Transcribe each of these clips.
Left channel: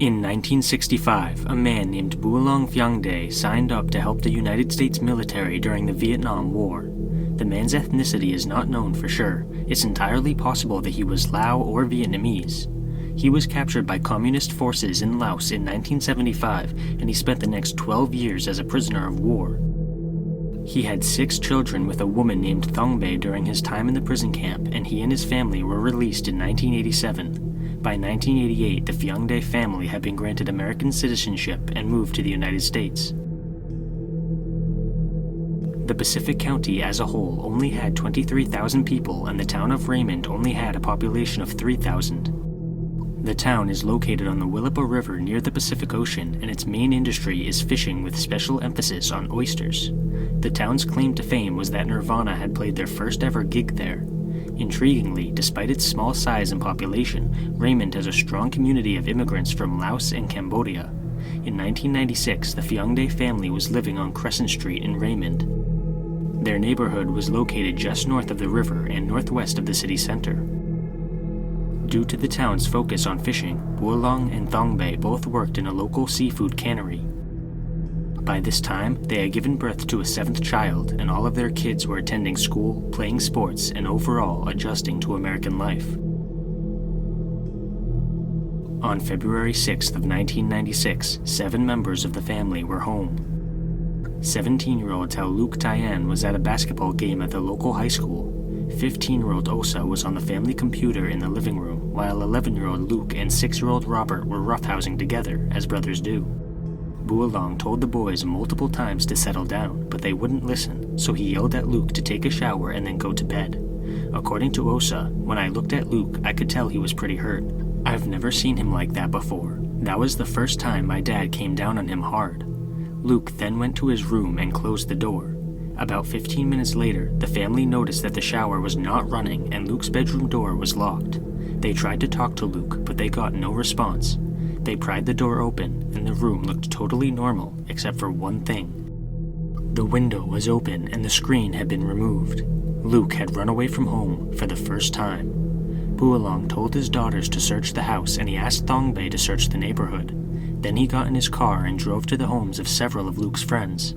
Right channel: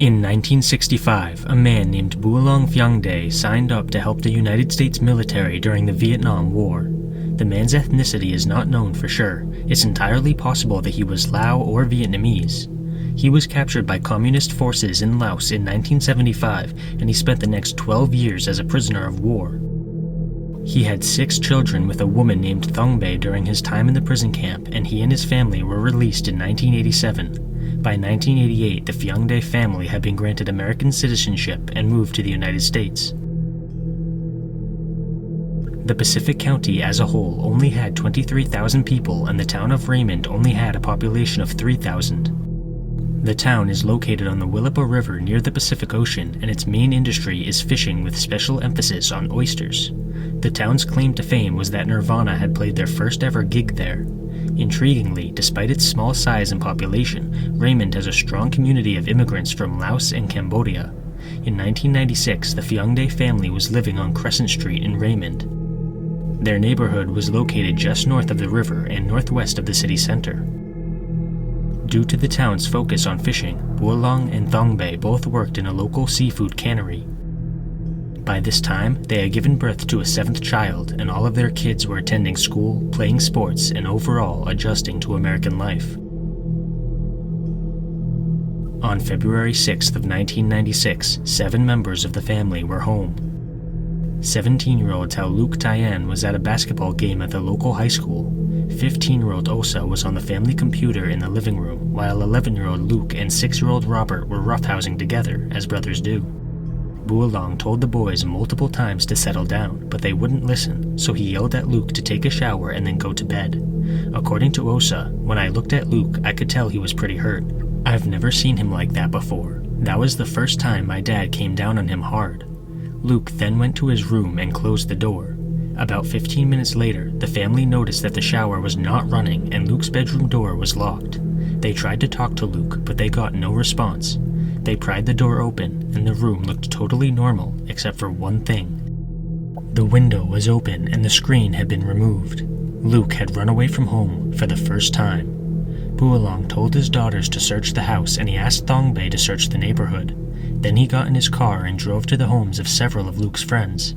In 1965, a man named Loukthayoth Phiangdae signed up to help the United States military during the Vietnam War. The man's ethnicity is not known for sure. It's entirely possible that he was Lao or Vietnamese. He was captured by communist forces in Laos in 1975, and he spent the next 12 years as a prisoner of war. He had 6 children with a woman named Phiangdae during his time in the prison camp, and he and his family were released in 1987. By 1988, the Phiangdae family had been granted American citizenship and moved to the United States. The Pacific County as a whole only had 23,000 people, and the town of Raymond only had a population of 3,000. The town is located on the Willapa River near the Pacific Ocean, and its main industry is fishing with special emphasis on oysters. The town's claim to fame was that Nirvana had played their first ever gig there. Intriguingly, despite its small size and population, Raymond has a strong community of immigrants from Laos and Cambodia. In 1996, the Phiangdae family was living on Crescent Street in Raymond. Their neighborhood was located just north of the river and northwest of the city center. Due to the town's focus on fishing, Loukthayoth and Phiangdae both worked in a local seafood cannery. By this time, they had given birth to a 7th child, and all of their kids were attending school, playing sports, and overall adjusting to American life. On February 6th of 1996, 7 members of the family were home. 17-year-old Loukthayoth was at a basketball game at the local high school. 15-year-old Osa was on the family computer in the living room, while 11-year-old Luke and 6-year-old Robert were roughhousing together, as brothers do. Loukthayoth told the boys multiple times to settle down, but they wouldn't listen, so he yelled at Luke to take a shower and then go to bed. According to Osa, when I looked at Luke, I could tell he was pretty hurt. I've never seen him like that before. That was the first time my dad came down on him hard. Luke then went to his room and closed the door. About 15 minutes later, the family noticed that the shower was not running and Luke's bedroom door was locked. They tried to talk to Luke, but they got no response. They pried the door open, and the room looked totally normal, except for one thing. The window was open and the screen had been removed. Luke had run away from home for the first time. Loukthayoth told his daughters to search the house, and he asked Phiangdae to search the neighborhood. Then he got in his car and drove to the homes of several of Luke's friends.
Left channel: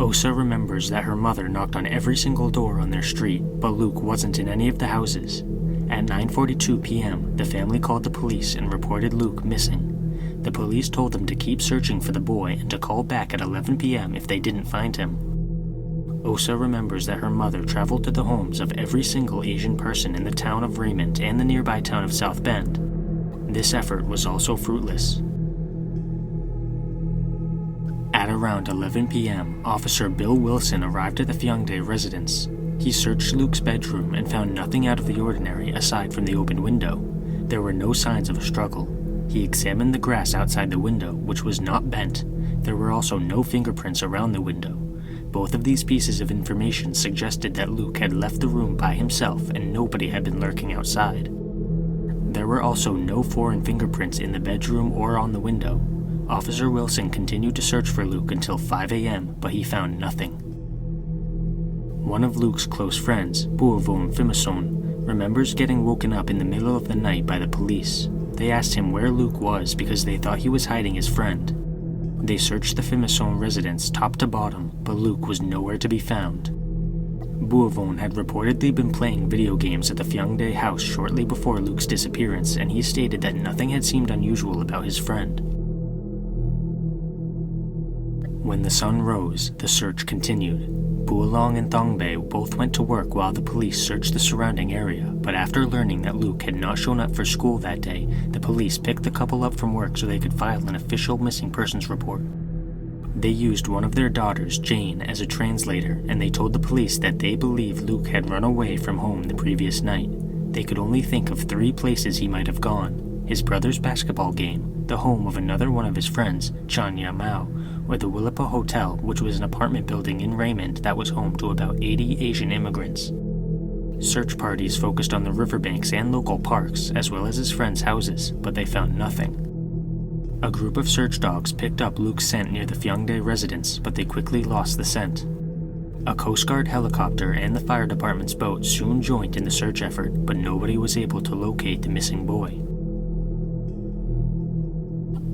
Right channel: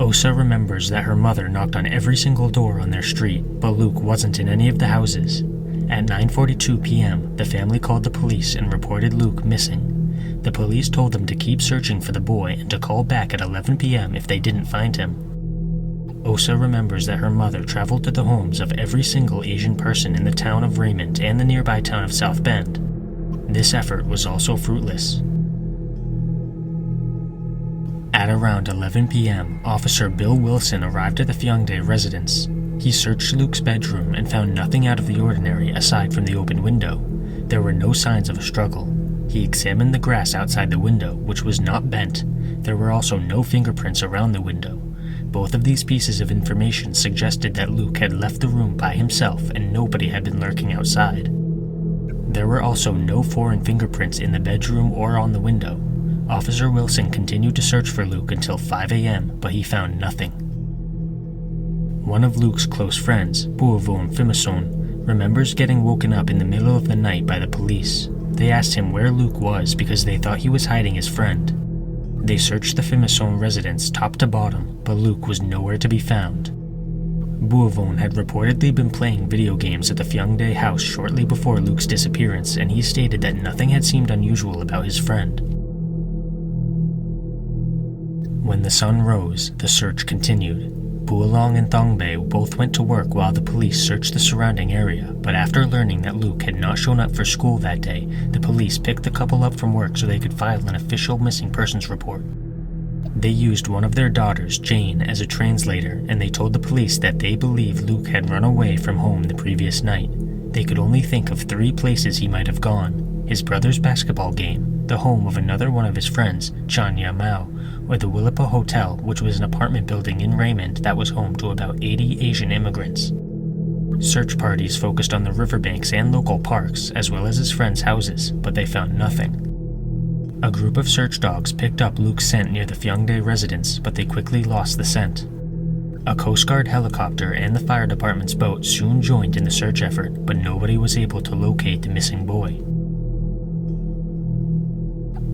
Osa remembers that her mother knocked on every single door on their street, but Luke wasn't in any of the houses. At 9:42 p.m., the family called the police and reported Luke missing. The police told them to keep searching for the boy and to call back at 11 p.m. if they didn't find him. Osa remembers that her mother traveled to the homes of every single Asian person in the town of Raymond and the nearby town of South Bend. This effort was also fruitless. At around 11 p.m., Officer Bill Wilson arrived at the Phiangdae residence. He searched Luke's bedroom and found nothing out of the ordinary aside from the open window. There were no signs of a struggle. He examined the grass outside the window, which was not bent. There were also no fingerprints around the window. Both of these pieces of information suggested that Luke had left the room by himself and nobody had been lurking outside. There were also no foreign fingerprints in the bedroom or on the window. Officer Wilson continued to search for Luke until 5 a.m., but he found nothing. One of Luke's close friends, Loukthayoth Phiangdae, remembers getting woken up in the middle of the night by the police. They asked him where Luke was because they thought he was hiding his friend. They searched the Phiangdae residence top to bottom, but Luke was nowhere to be found. Loukthayoth had reportedly been playing video games at the Phiangdae house shortly before Luke's disappearance, and he stated that nothing had seemed unusual about his friend. When the sun rose, the search continued. Loukthayoth and Phiangdae both went to work while the police searched the surrounding area, but after learning that Luke had not shown up for school that day, the police picked the couple up from work so they could file an official missing persons report. They used one of their daughters, Jane, as a translator, and they told the police that they believe Luke had run away from home the previous night. They could only think of 3 places he might have gone: his brother's basketball game, the home of another one of his friends, Chanya Mao, or the Willapa Hotel, which was an apartment building in Raymond that was home to about 80 Asian immigrants. Search parties focused on the riverbanks and local parks, as well as his friends' houses, but they found nothing. A group of search dogs picked up Luke's scent near the Phiangdae residence, but they quickly lost the scent. A Coast Guard helicopter and the fire department's boat soon joined in the search effort, but nobody was able to locate the missing boy.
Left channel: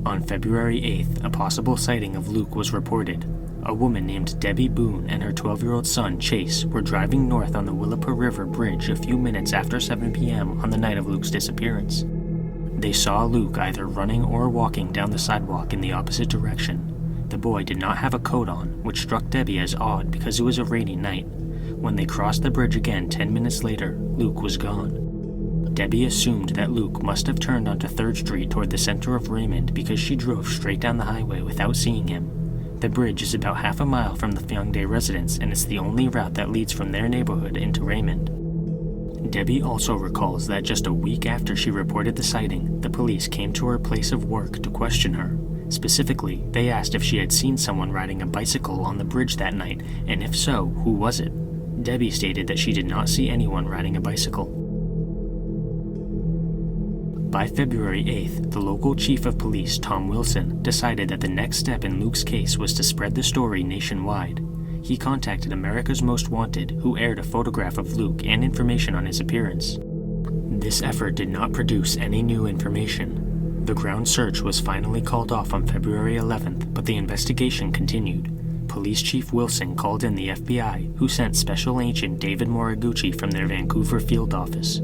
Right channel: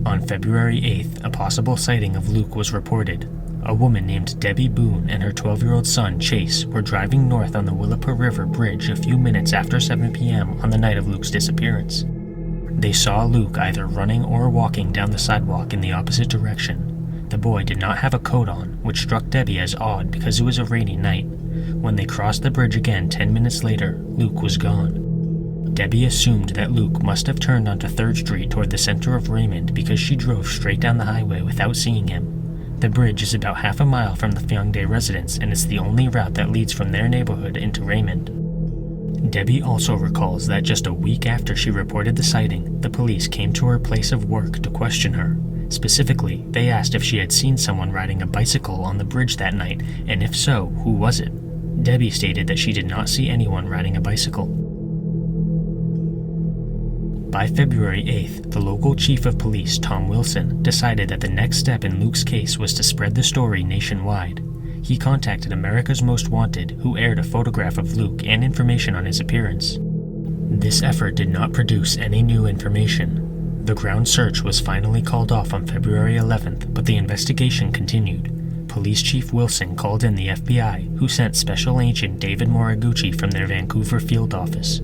On February 8th, a possible sighting of Luke was reported. A woman named Debbie Boone and her 12-year-old son, Chase, were driving north on the Willapa River Bridge a few minutes after 7 p.m. on the night of Luke's disappearance. They saw Luke either running or walking down the sidewalk in the opposite direction. The boy did not have a coat on, which struck Debbie as odd because it was a rainy night. When they crossed the bridge again 10 minutes later, Luke was gone. Debbie assumed that Luke must have turned onto 3rd Street toward the center of Raymond because she drove straight down the highway without seeing him. The bridge is about half a mile from the Phiangdae residence, and it's the only route that leads from their neighborhood into Raymond. Debbie also recalls that just a week after she reported the sighting, the police came to her place of work to question her. Specifically, they asked if she had seen someone riding a bicycle on the bridge that night, and if so, who was it? Debbie stated that she did not see anyone riding a bicycle. By February 8th, the local chief of police, Tom Wilson, decided that the next step in Luke's case was to spread the story nationwide. He contacted America's Most Wanted, who aired a photograph of Luke and information on his appearance. This effort did not produce any new information. The ground search was finally called off on February 11th, but the investigation continued. Police Chief Wilson called in the FBI, who sent Special Agent David Moriguchi from their Vancouver field office.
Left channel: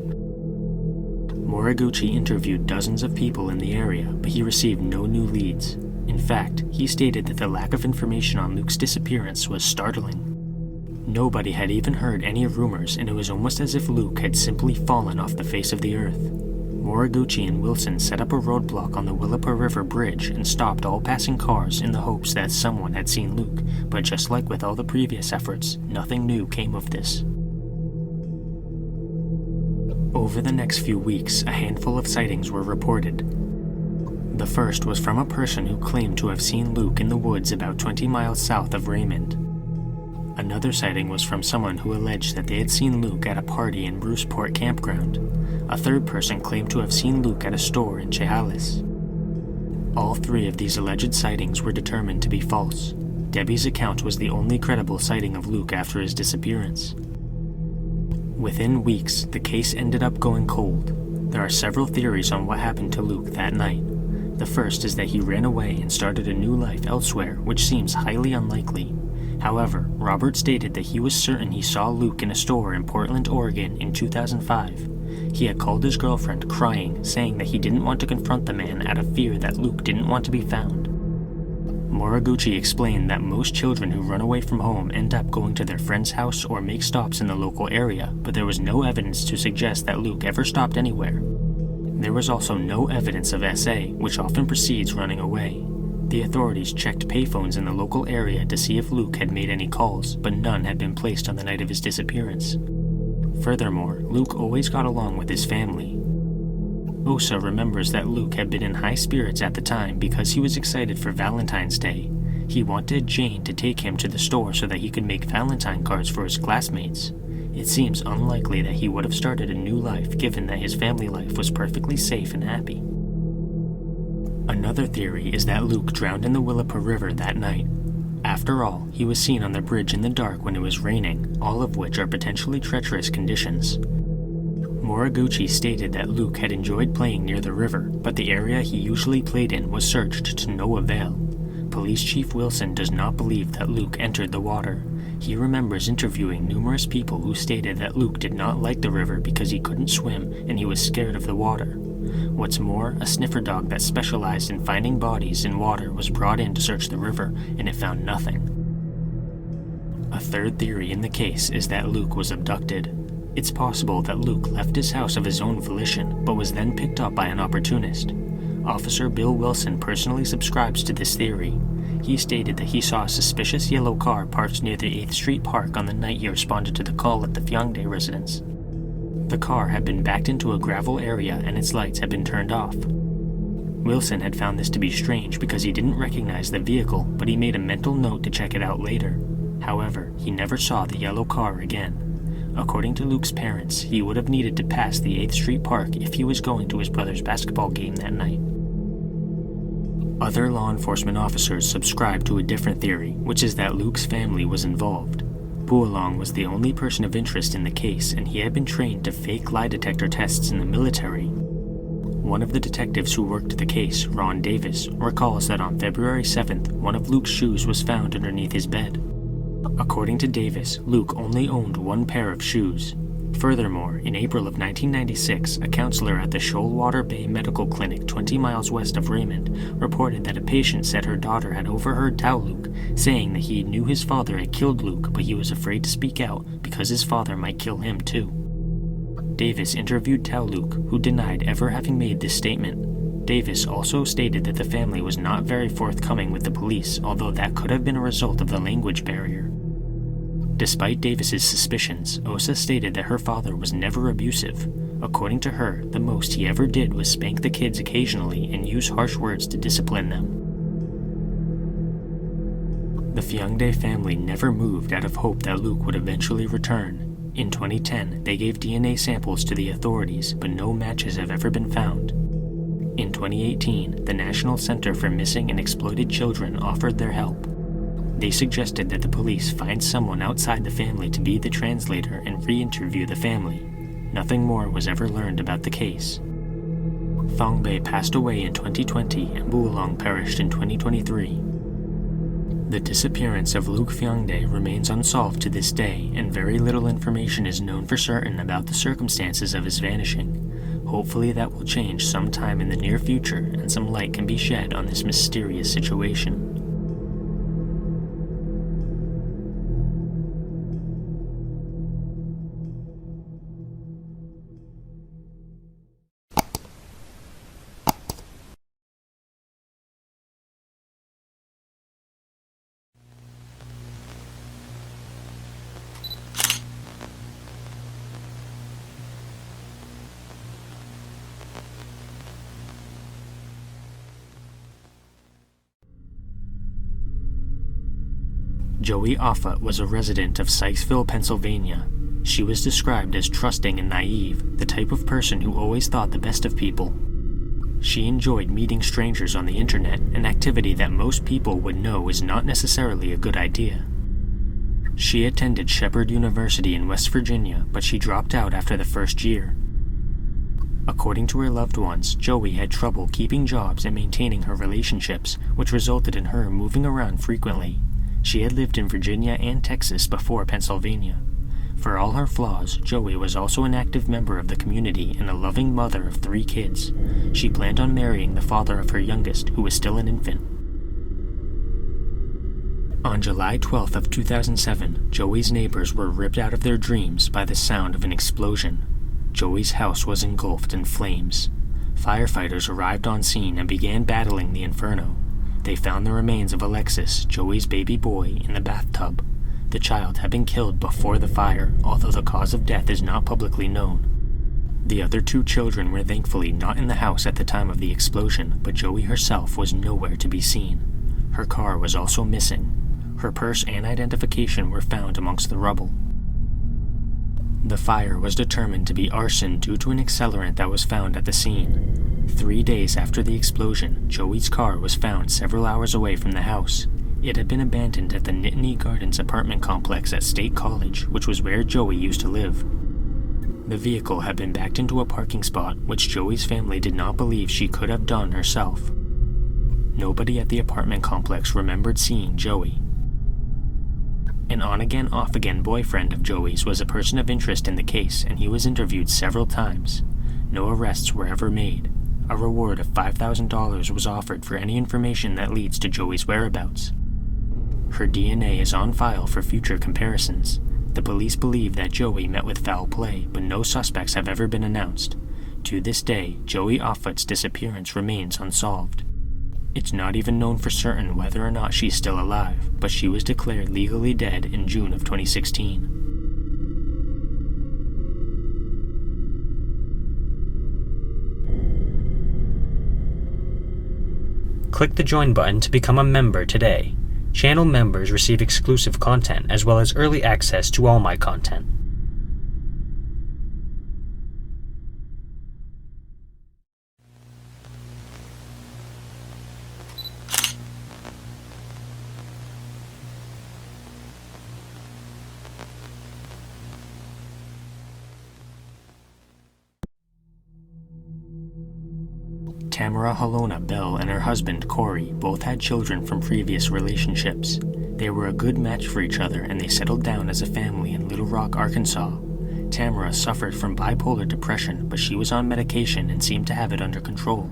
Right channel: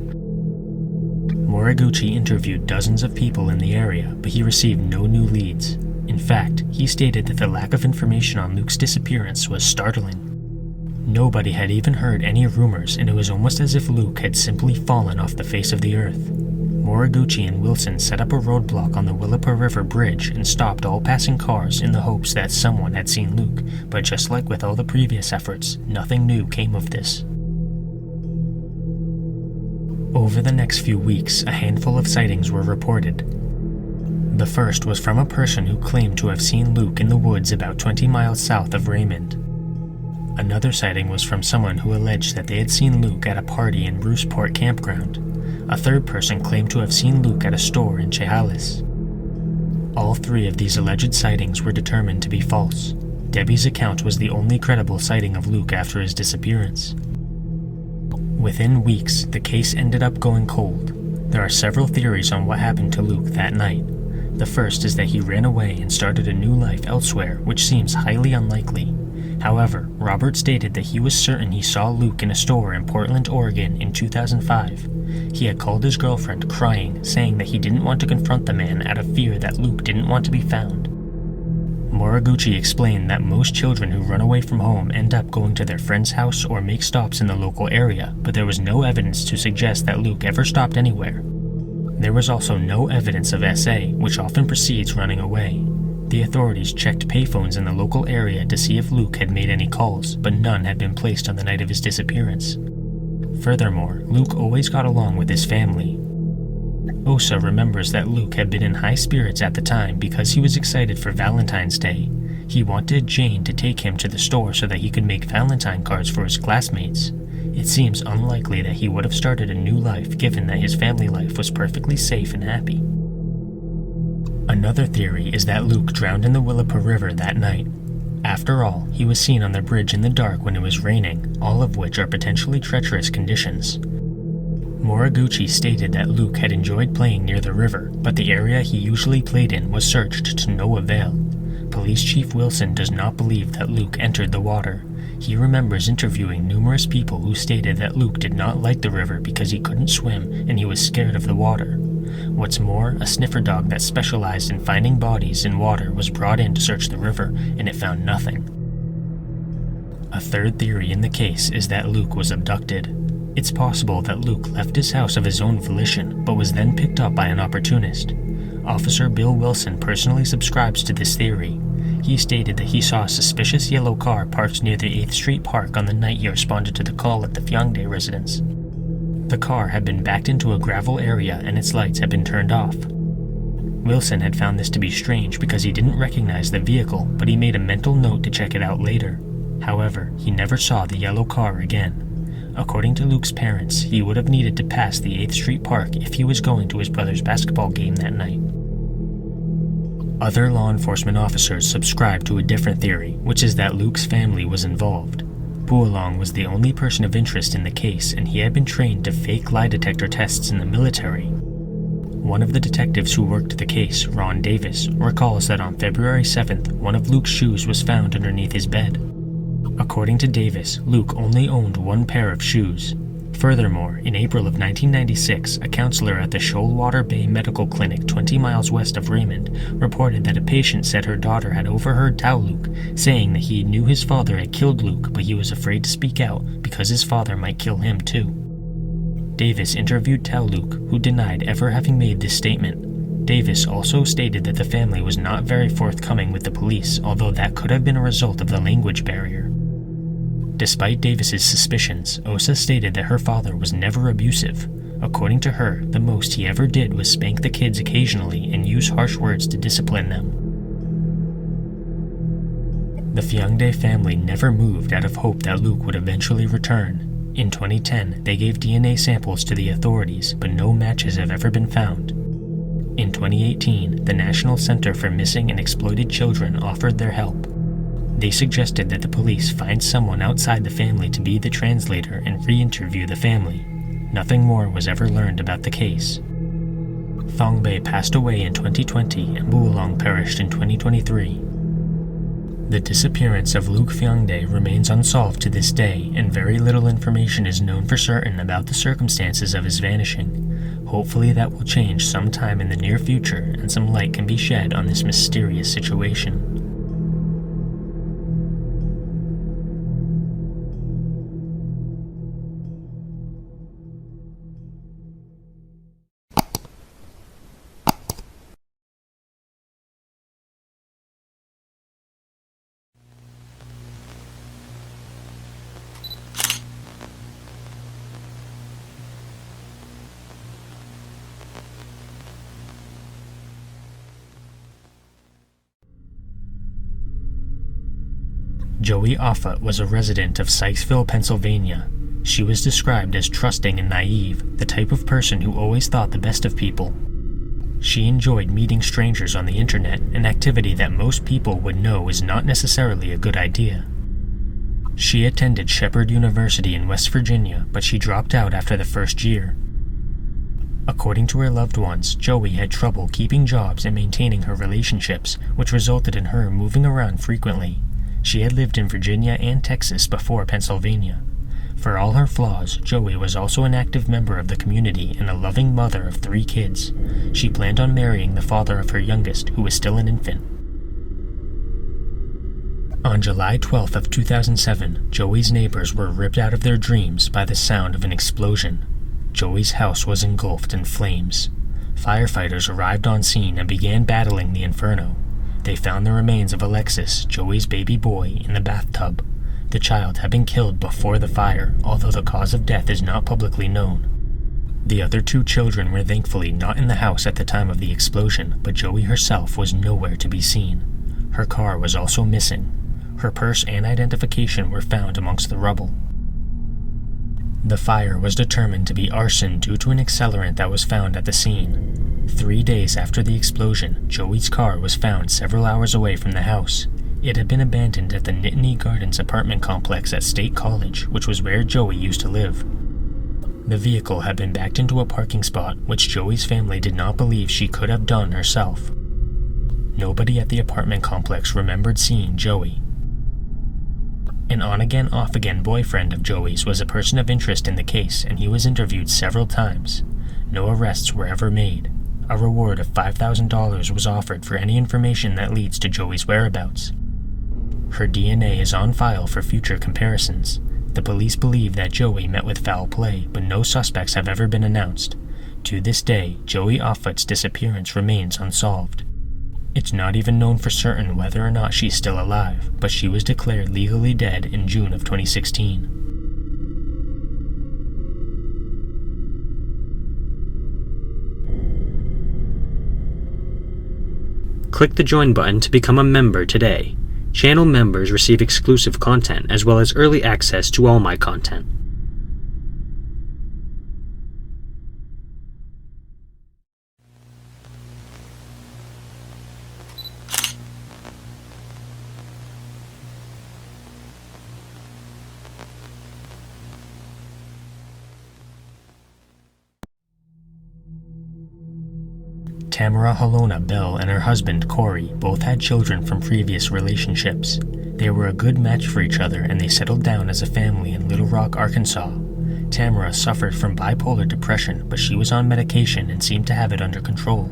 Moriguchi interviewed dozens of people in the area, but he received no new leads. In fact, he stated that the lack of information on Luke's disappearance was startling. Nobody had even heard any rumors, and it was almost as if Luke had simply fallen off the face of the earth. Moriguchi and Wilson set up a roadblock on the Willapa River Bridge and stopped all passing cars in the hopes that someone had seen Luke, but just like with all the previous efforts, nothing new came of this. Over the next few weeks, a handful of sightings were reported. The first was from a person who claimed to have seen Luke in the woods about 20 miles south of Raymond. Another sighting was from someone who alleged that they had seen Luke at a party in Bruceport campground. A third person claimed to have seen Luke at a store in Chehalis. All 3 of these alleged sightings were determined to be false. Debbie's account was the only credible sighting of Luke after his disappearance. Within weeks, the case ended up going cold. There are several theories on what happened to Luke that night. The first is that he ran away and started a new life elsewhere, which seems highly unlikely. However, Robert stated that he was certain he saw Luke in a store in Portland, Oregon in 2005. He had called his girlfriend crying, saying that he didn't want to confront the man out of fear that Luke didn't want to be found. Moriguchi explained that most children who run away from home end up going to their friend's house or make stops in the local area, but there was no evidence to suggest that Luke ever stopped anywhere. There was also no evidence of SA, which often precedes running away. The authorities checked payphones in the local area to see if Luke had made any calls, but none had been placed on the night of his disappearance. Furthermore, Luke always got along with his family. Osa remembers that Luke had been in high spirits at the time because he was excited for Valentine's Day. He wanted Jane to take him to the store so that he could make Valentine cards for his classmates. It seems unlikely that he would have started a new life given that his family life was perfectly safe and happy. Another theory is that Luke drowned in the Willapa River that night. After all, he was seen on the bridge in the dark when it was raining, all of which are potentially treacherous conditions. Moriguchi stated that Luke had enjoyed playing near the river, but the area he usually played in was searched to no avail. Police Chief Wilson does not believe that Luke entered the water. He remembers interviewing numerous people who stated that Luke did not like the river because he couldn't swim and he was scared of the water. What's more, a sniffer dog that specialized in finding bodies in water was brought in to search the river, and it found nothing. A third theory in the case is that Luke was abducted. It's possible that Luke left his house of his own volition, but was then picked up by an opportunist. Officer Bill Wilson personally subscribes to this theory. He stated that he saw a suspicious yellow car parked near the 8th Street Park on the night he responded to the call at the Phiangdae residence. The car had been backed into a gravel area and its lights had been turned off. Wilson had found this to be strange because he didn't recognize the vehicle, but he made a mental note to check it out later. However, he never saw the yellow car again. According to Luke's parents, he would have needed to pass the 8th Street Park if he was going to his brother's basketball game that night. Other law enforcement officers subscribed to a different theory, which is that Luke's family was involved. Buolong was the only person of interest in the case, and he had been trained to fake lie detector tests in the military. One of the detectives who worked the case, Ron Davis, recalls that on February 7th, one of Luke's shoes was found underneath his bed. According to Davis, Luke only owned one pair of shoes. Furthermore, in April of 1996, a counselor at the Shoalwater Bay Medical Clinic 20 miles west of Raymond reported that a patient said her daughter had overheard Tao Luke saying that he knew his father had killed Luke, but he was afraid to speak out because his father might kill him too. Davis interviewed Tao Luke, who denied ever having made this statement. Davis also stated that the family was not very forthcoming with the police, although that could have been a result of the language barrier. Despite Davis's suspicions, Osa stated that her father was never abusive. According to her, the most he ever did was spank the kids occasionally and use harsh words to discipline them. The Phiangdae family never moved out of hope that Luke would eventually return. In 2010, they gave DNA samples to the authorities, but no matches have ever been found. In 2018, the National Center for Missing and Exploited Children offered their help. They suggested that the police find someone outside the family to be the translator and re-interview the family. Nothing more was ever learned about the case. Phiangdae passed away in 2020 and Buolong perished in 2023. The disappearance of Luke Phiangdae remains unsolved to this day, and very little information is known for certain about the circumstances of his vanishing. Hopefully that will change sometime in the near future and some light can be shed on this mysterious situation. Joey Offutt was a resident of Sykesville, Pennsylvania. She was described as trusting and naive, the type of person who always thought the best of people. She enjoyed meeting strangers on the internet, an activity that most people would know is not necessarily a good idea. She attended Shepherd University in West Virginia, but she dropped out after the first year. According to her loved ones, Joey had trouble keeping jobs and maintaining her relationships, which resulted in her moving around frequently. She had lived in Virginia and Texas before Pennsylvania. For all her flaws, Joey was also an active member of the community and a loving mother of 3 kids. She planned on marrying the father of her youngest, who was still an infant. On July 12th of 2007, Joey's neighbors were ripped out of their dreams by the sound of an explosion. Joey's house was engulfed in flames. Firefighters arrived on scene and began battling the inferno. They found the remains of Alexis, Joey's baby boy, in the bathtub. The child had been killed before the fire, although the cause of death is not publicly known. The other 2 children were thankfully not in the house at the time of the explosion, but Joey herself was nowhere to be seen. Her car was also missing. Her purse and identification were found amongst the rubble. The fire was determined to be arson due to an accelerant that was found at the scene. 3 days after the explosion, Joey's car was found several hours away from the house. It had been abandoned at the Nittany Gardens apartment complex at State College, which was where Joey used to live. The vehicle had been backed into a parking spot, which Joey's family did not believe she could have done herself. Nobody at the apartment complex remembered seeing Joey. An on-again, off-again boyfriend of Joey's was a person of interest in the case, and he was interviewed several times. No arrests were ever made. A reward of $5,000 was offered for any information that leads to Joey's whereabouts. Her DNA is on file for future comparisons. The police believe that Joey met with foul play, but no suspects have ever been announced. To this day, Joey Offutt's disappearance remains unsolved. It's not even known for certain whether or not she's still alive, but she was declared legally dead in June of 2016. Click the join button to become a member today. Channel members receive exclusive content as well as early access to all my content. Tamara Halona Bell and her husband Corey both had children from previous relationships. They were a good match for each other and they settled down as a family in Little Rock, Arkansas. Tamara suffered from bipolar depression, but she was on medication and seemed to have it under control.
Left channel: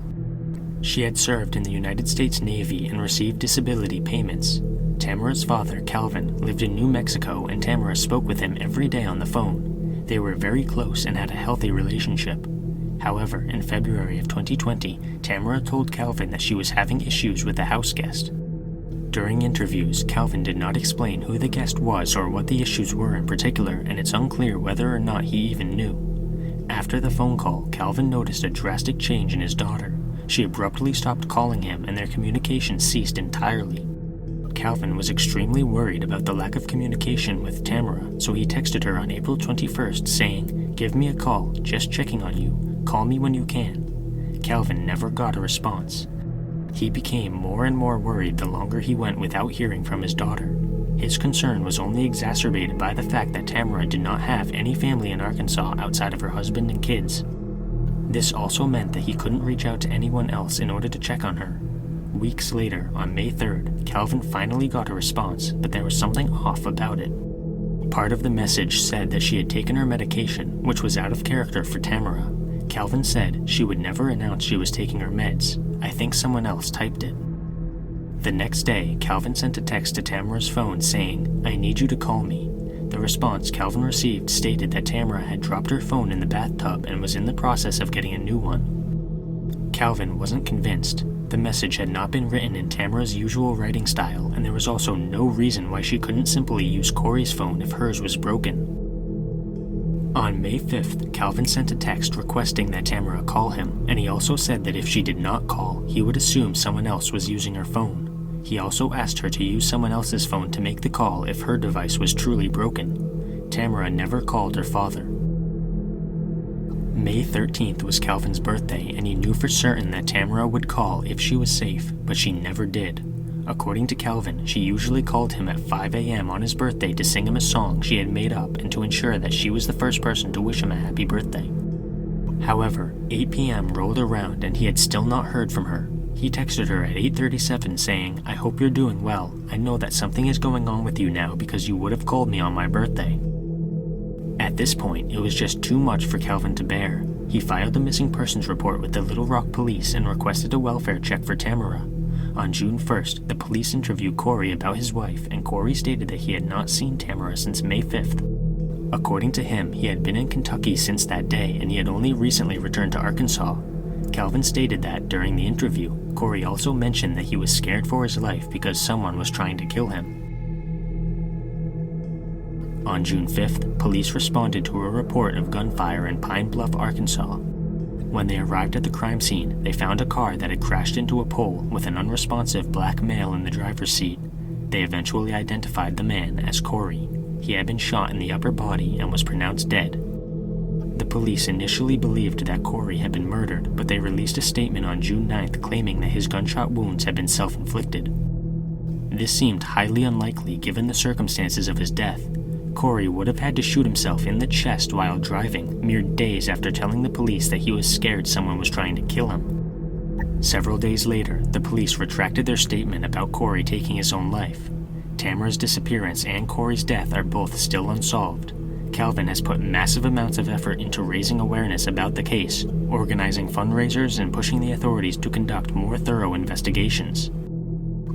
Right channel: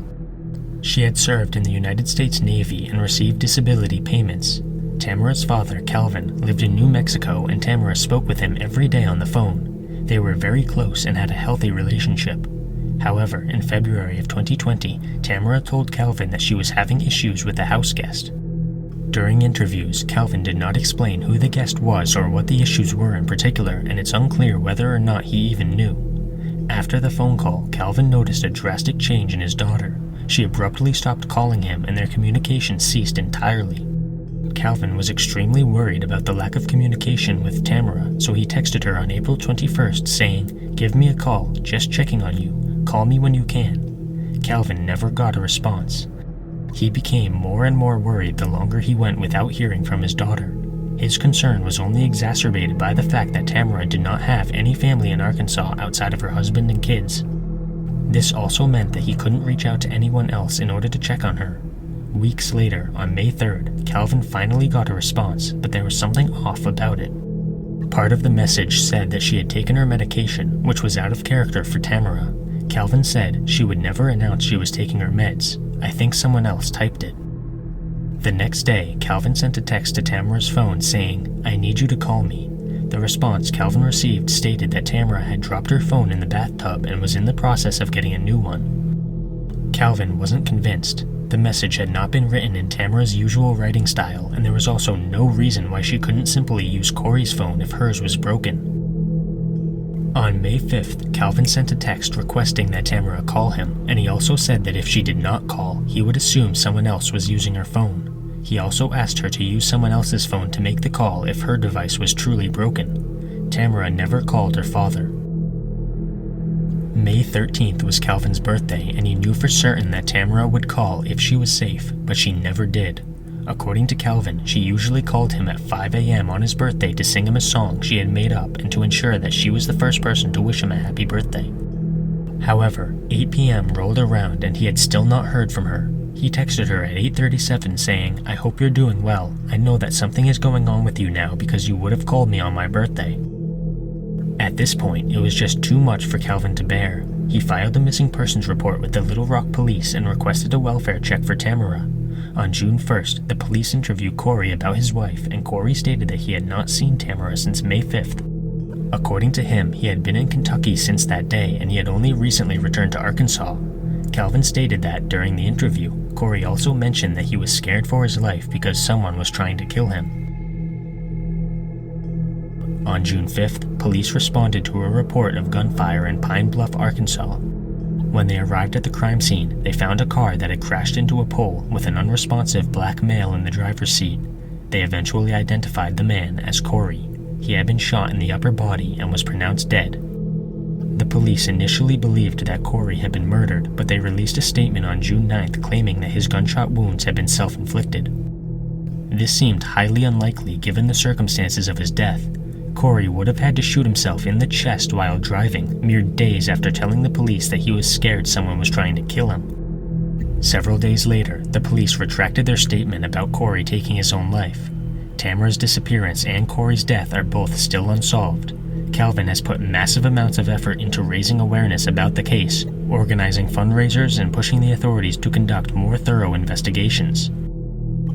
She had served in the United States Navy and received disability payments. Tamara's father, Calvin, lived in New Mexico and Tamara spoke with him every day on the phone. They were very close and had a healthy relationship. However, in February of 2020, Tamara told Calvin that she was having issues with a house guest. During interviews, Calvin did not explain who the guest was or what the issues were in particular, and it's unclear whether or not he even knew. After the phone call, Calvin noticed a drastic change in his daughter. She abruptly stopped calling him and their communication ceased entirely. Calvin was extremely worried about the lack of communication with Tamara, so he texted her on April 21st saying, "Give me a call, just checking on you. Call me when you can." Calvin never got a response. He became more and more worried the longer he went without hearing from his daughter. His concern was only exacerbated by the fact that Tamara did not have any family in Arkansas outside of her husband and kids. This also meant that he couldn't reach out to anyone else in order to check on her. Weeks later, on May 3rd, Calvin finally got a response, but there was something off about it. Part of the message said that she had taken her medication, which was out of character for Tamara. Calvin said she would never announce she was taking her meds. I think someone else typed it. The next day, Calvin sent a text to Tamara's phone saying, "I need you to call me." The response Calvin received stated that Tamara had dropped her phone in the bathtub and was in the process of getting a new one. Calvin wasn't convinced. The message had not been written in Tamara's usual writing style, and there was also no reason why she couldn't simply use Corey's phone if hers was broken. On May 5th, Calvin sent a text requesting that Tamara call him, and he also said that if she did not call, he would assume someone else was using her phone. He also asked her to use someone else's phone to make the call if her device was truly broken. Tamara never called her father. May 13th was Calvin's birthday, and he knew for certain that Tamara would call if she was safe, but she never did. According to Calvin, she usually called him at 5 a.m. on his birthday to sing him a song she had made up and to ensure that she was the first person to wish him a happy birthday. However, 8 p.m. rolled around and he had still not heard from her. He texted her at 8:37 saying, "I hope you're doing well. I know that something is going on with you now because you would have called me on my birthday." At this point, it was just too much for Calvin to bear. He filed a missing persons report with the Little Rock police and requested a welfare check for Tamara. On June 1st, the police interviewed Corey about his wife, and Corey stated that he had not seen Tamara since May 5th. According to him, he had been in Kentucky since that day, and he had only recently returned to Arkansas. Calvin stated that, during the interview, Corey also mentioned that he was scared for his life because someone was trying to kill him. On June 5th, police responded to a report of gunfire in Pine Bluff, Arkansas. When they arrived at the crime scene, they found a car that had crashed into a pole with an unresponsive black male in the driver's seat. They eventually identified the man as Corey. He had been shot in the upper body and was pronounced dead. The police initially believed that Corey had been murdered, but they released a statement on June 9th claiming that his gunshot wounds had been self-inflicted. This seemed highly unlikely given the circumstances of his death. Corey would have had to shoot himself in the chest while driving, mere days after telling the police that he was scared someone was trying to kill him. Several days later, the police retracted their statement about Corey taking his own life. Tamara's disappearance and Corey's death are both still unsolved. Calvin has put massive amounts of effort into raising awareness about the case, organizing fundraisers, and pushing the authorities to conduct more thorough investigations.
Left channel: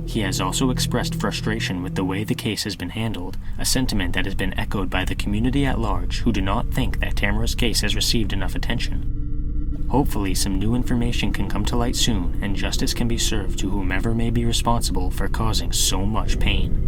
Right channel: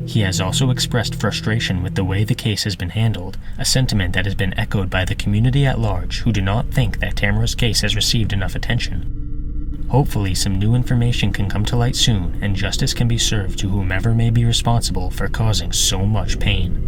He has also expressed frustration with the way the case has been handled, a sentiment that has been echoed by the community at large who do not think that Tamara's case has received enough attention. Hopefully some new information can come to light soon and justice can be served to whomever may be responsible for causing so much pain.